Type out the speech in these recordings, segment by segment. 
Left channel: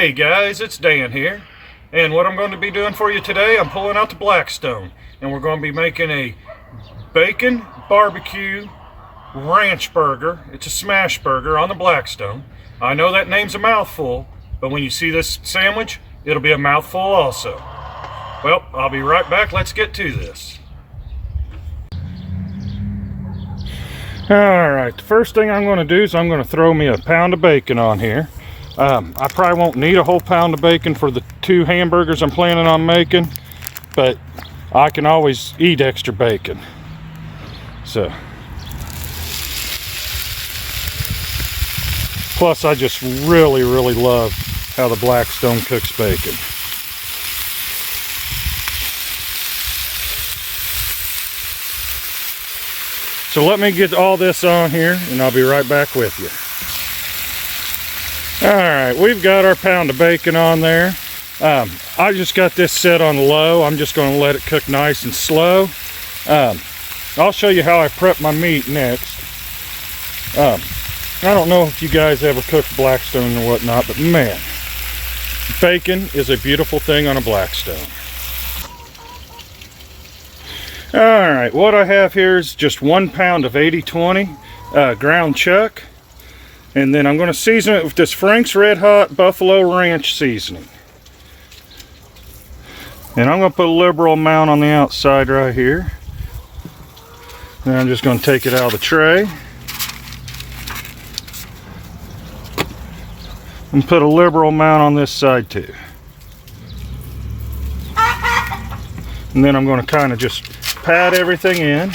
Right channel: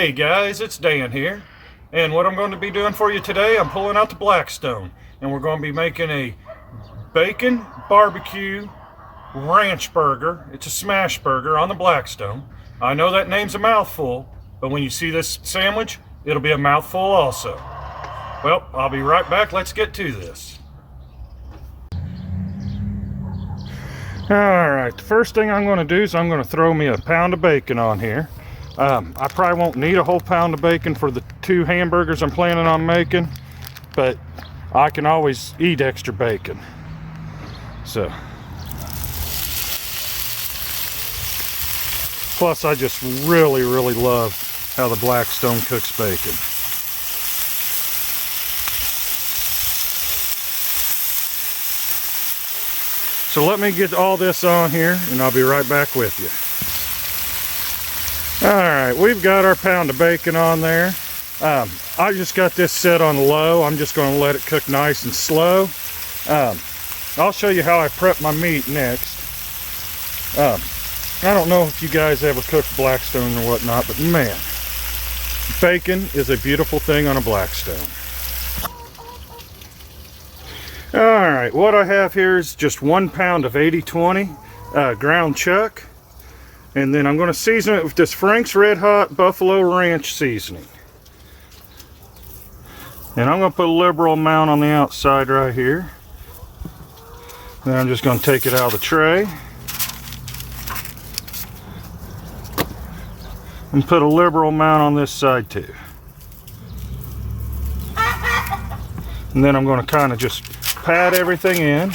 Hey guys, it's Dan here, and what I'm going to be doing for you today, I'm pulling out the Blackstone, and we're going to be making a bacon barbecue ranch burger. It's a Smashburger on the Blackstone. I know that name's a mouthful, but when you see this sandwich, it'll be a mouthful also. Well, I'll be right back. Let's get to this. Alright, the first thing I'm going to do is I'm going to throw me a pound of bacon on here. I probably won't need a whole pound of bacon for the 2 hamburgers I'm planning on making, but I can always eat extra bacon. So, plus I just really love how the Blackstone cooks bacon. So let me get all this on here and I'll be right back with you. Alright, we've got our pound of bacon on there. I just got this set on low. I'm just going to let it cook nice and slow. I'll show you how I prep my meat next. I don't know if you guys ever cooked Blackstone or whatnot, but man, bacon is a beautiful thing on a Blackstone. Alright, what I have here is just 1 pound of 80/20 ground chuck. And then I'm going to season it with this Frank's Red Hot Buffalo Ranch seasoning. And I'm going to put a liberal amount on the outside right here. Then I'm just going to take it out of the tray. And put a liberal amount on this side too. And then I'm going to kind of just pat everything in.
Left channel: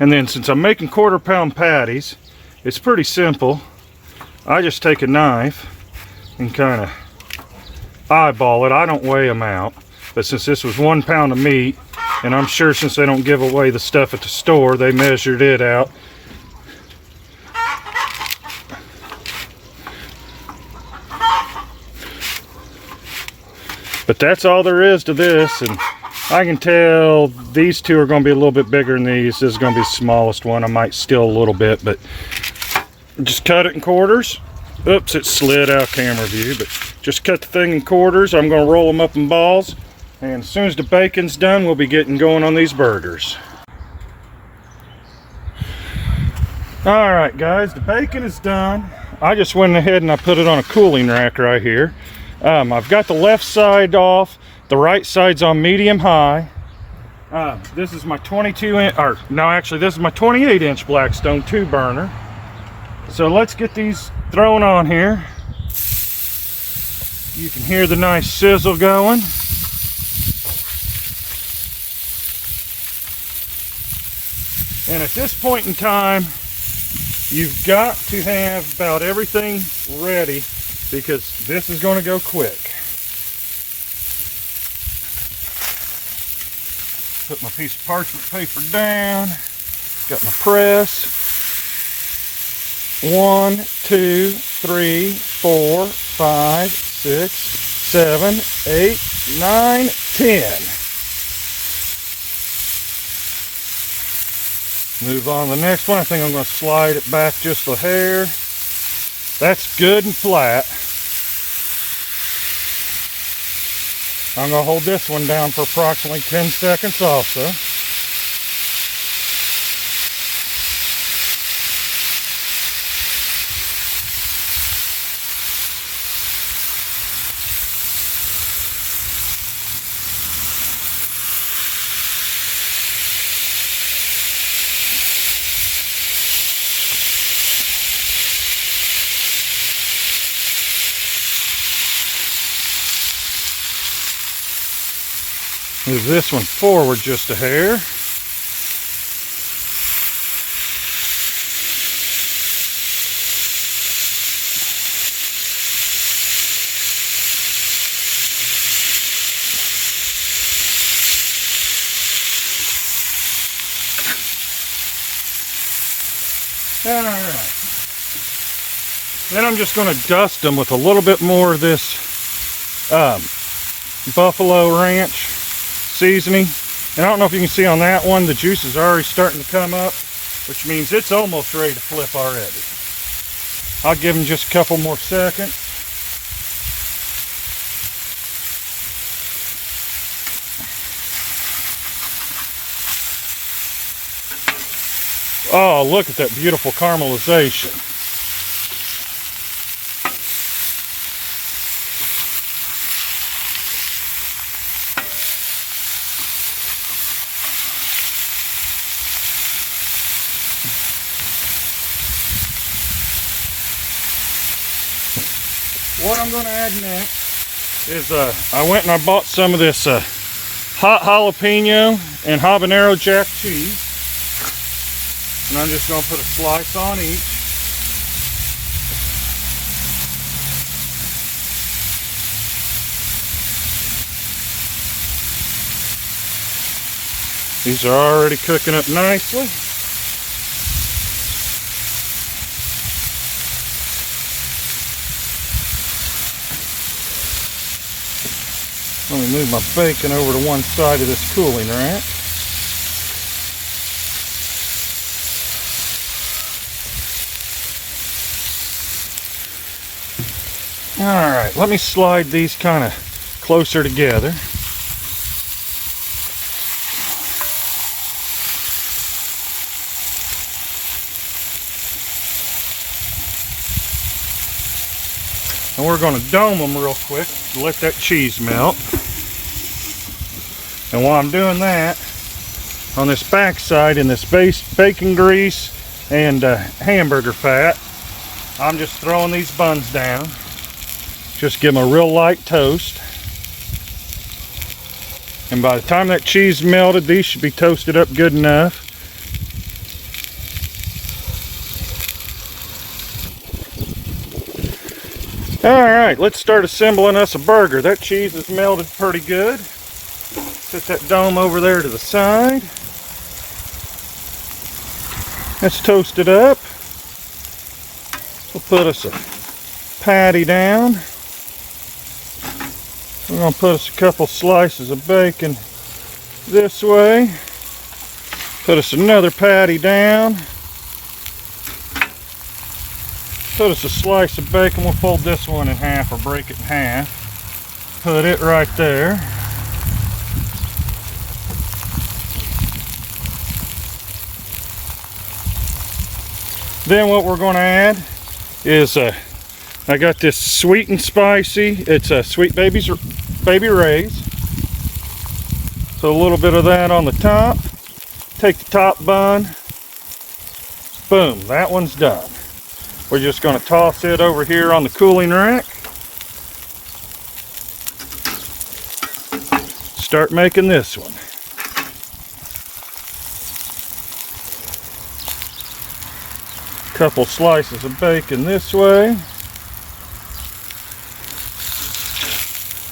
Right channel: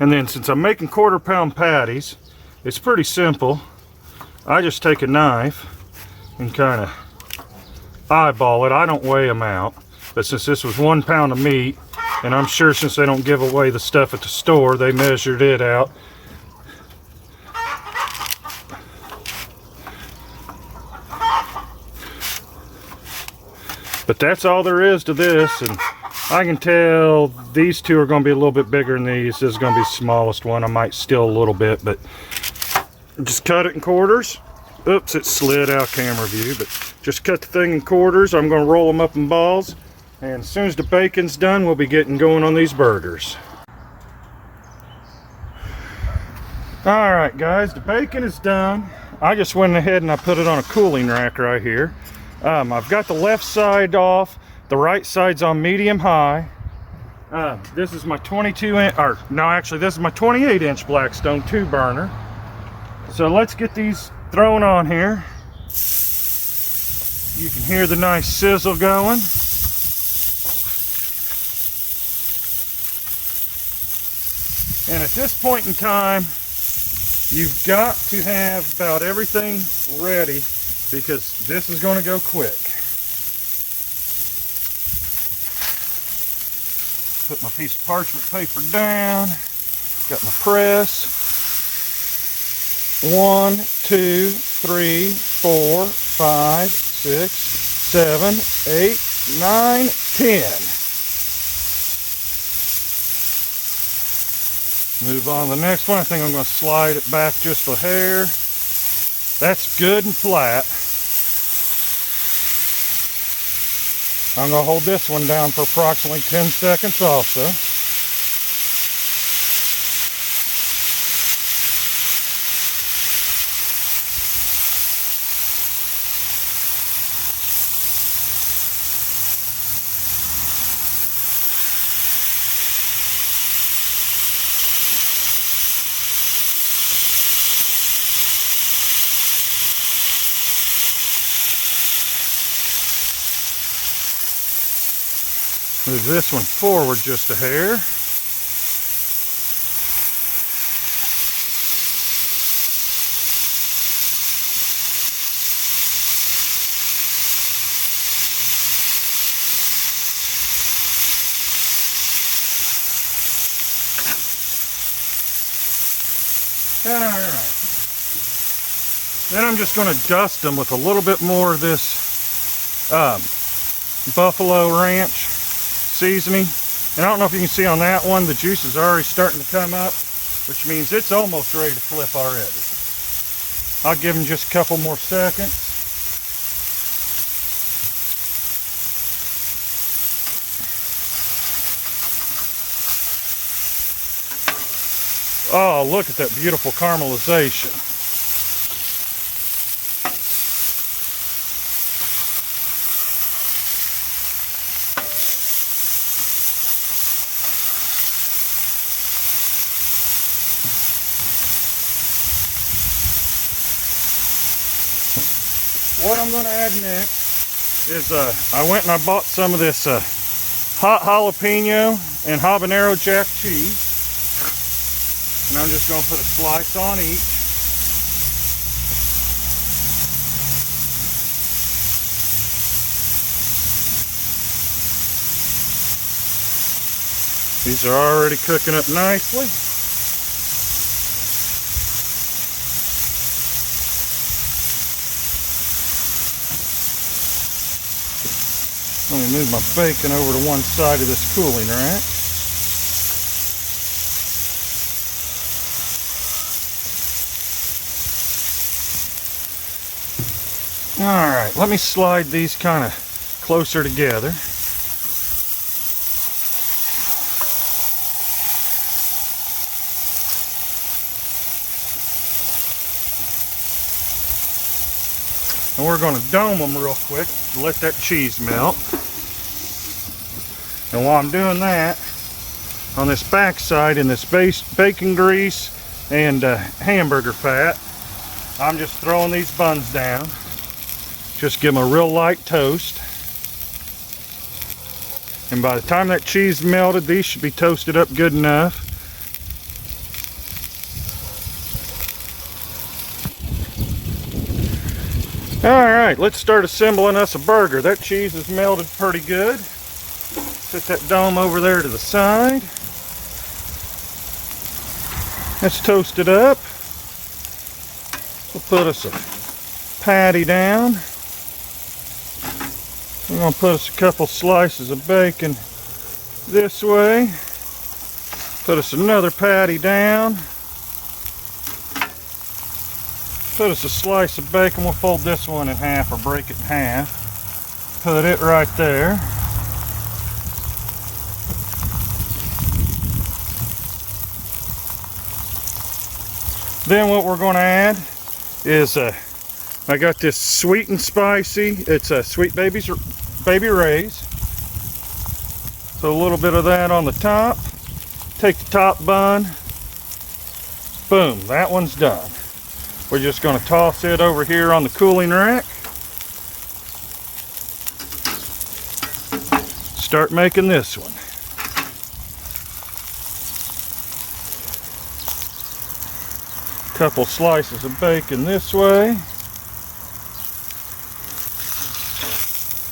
And then since I'm making 1/4 pound patties, it's pretty simple. I just take a knife and kind of eyeball it. I don't weigh them out, but since this was 1 pound of meat, and I'm sure since they don't give away the stuff at the store, they measured it out. But that's all there is to this, and I can tell these 2 are going to be a little bit bigger than these. This is going to be the smallest one. I might steal a little bit, but just cut it in quarters. Oops, it slid out camera view, but just cut the thing in quarters. I'm going to roll them up in balls, and as soon as the bacon's done, we'll be getting going on these burgers. Alright guys, the bacon is done. I just went ahead and I put it on a cooling rack right here. I've got the left side off, the right side's on medium high. This is my 22-inch, or no, actually this is my 28-inch Blackstone 2 burner. So let's get these thrown on here. You can hear the nice sizzle going. And at this point in time, you've got to have about everything ready because this is going to go quick. Put my piece of parchment paper down. Got my press. 1, 2, 3, 4, 5, 6, 7, 8, 9, 10. Move on to the next one. I think I'm going to slide it back just a hair. That's good and flat. I'm going to hold this one down for approximately 10 seconds also. Move this one forward just a hair. Alright. Then I'm just going to dust them with a little bit more of this Buffalo Ranch seasoning. And I don't know if you can see on that one, the juice is already starting to come up, which means it's almost ready to flip already. I'll give them just a couple more seconds. Oh, look at that beautiful caramelization. What I'm going to add next is I went and I bought some of this hot jalapeno and habanero jack cheese. And I'm just going to put a slice on each. These are already cooking up nicely. I'm going to move my bacon over to one side of this cooling rack. Alright, let me slide these kind of closer together. And we're going to dome them real quick to let that cheese melt. And while I'm doing that, on this back side in this bacon grease and hamburger fat, I'm just throwing these buns down. Just give them a real light toast. And by the time that cheese melted, these should be toasted up good enough. Alright, let's start assembling us a burger. That cheese is melted pretty good. Put that dome over there to the side. Let's toast it up. We'll put us a patty down. We're going to put us a couple slices of bacon this way. Put us another patty down. Put us a slice of bacon. We'll fold this one in half or break it in half. Put it right there. Then what we're going to add is I got this sweet and spicy. It's a Sweet Baby Ray's. So a little bit of that on the top. Take the top bun. Boom, that one's done. We're just going to toss it over here on the cooling rack. Start making this one. Couple slices of bacon this way.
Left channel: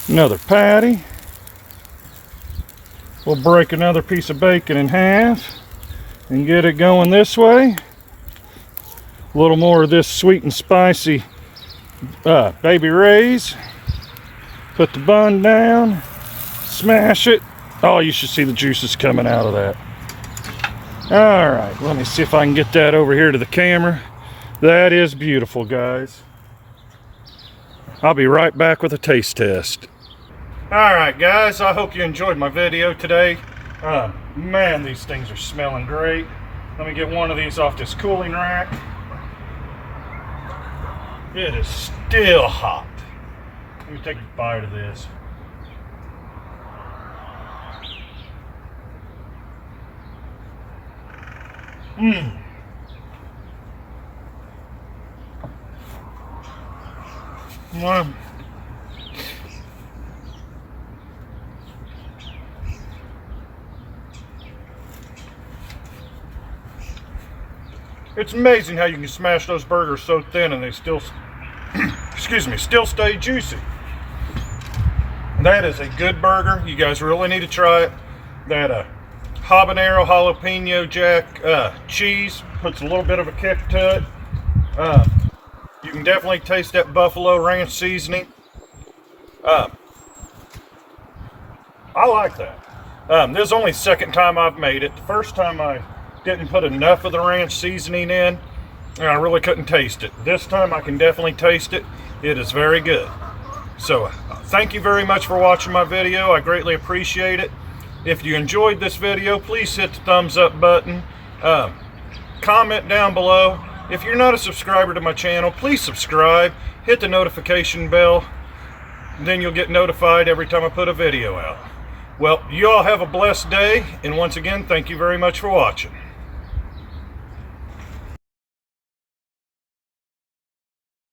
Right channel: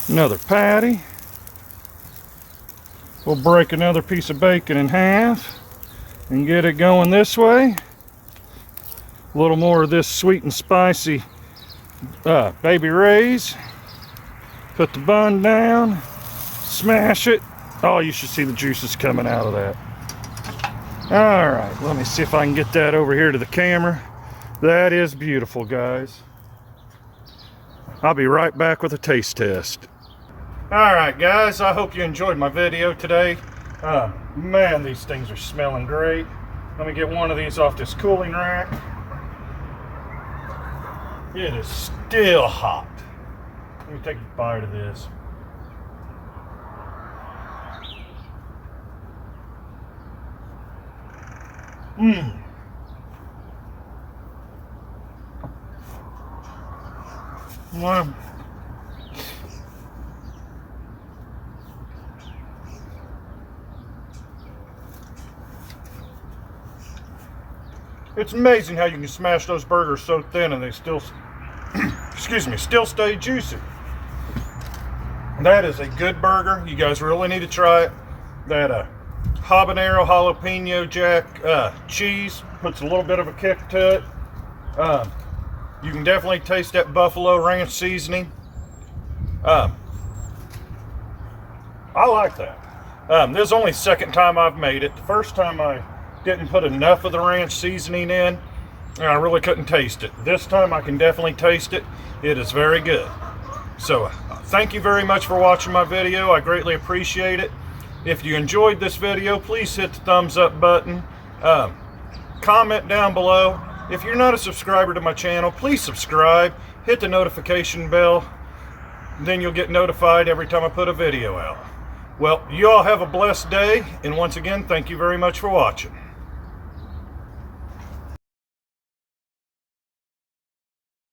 Another patty. We'll break another piece of bacon in half and get it going this way. A little more of this sweet and spicy Baby Ray's. Put the bun down. Smash it. Oh, you should see the juices coming out of that. Alright, let me see if I can get that over here to the camera. That is beautiful, guys. I'll be right back with a taste test. Alright guys, I hope you enjoyed my video today. Man, these things are smelling great. Let me get one of these off this cooling rack. It is still hot. Let me take a bite of this. Wow. It's amazing how you can smash those burgers so thin and they still, excuse me, still stay juicy. That is a good burger. You guys really need to try it. That habanero jalapeno jack cheese puts a little bit of a kick to it. You can definitely taste that buffalo ranch seasoning. I like that. This is only the second time I've made it. The first time I didn't put enough of the ranch seasoning in and I really couldn't taste it. This time I can definitely taste it. It is very good. So thank you very much for watching my video. I greatly appreciate it. If you enjoyed this video, please hit the thumbs up button. comment down below. If you're not a subscriber to my channel, please subscribe, hit the notification bell, then you'll get notified every time I put a video out. Well, you all have a blessed day, and once again, thank you very much for watching.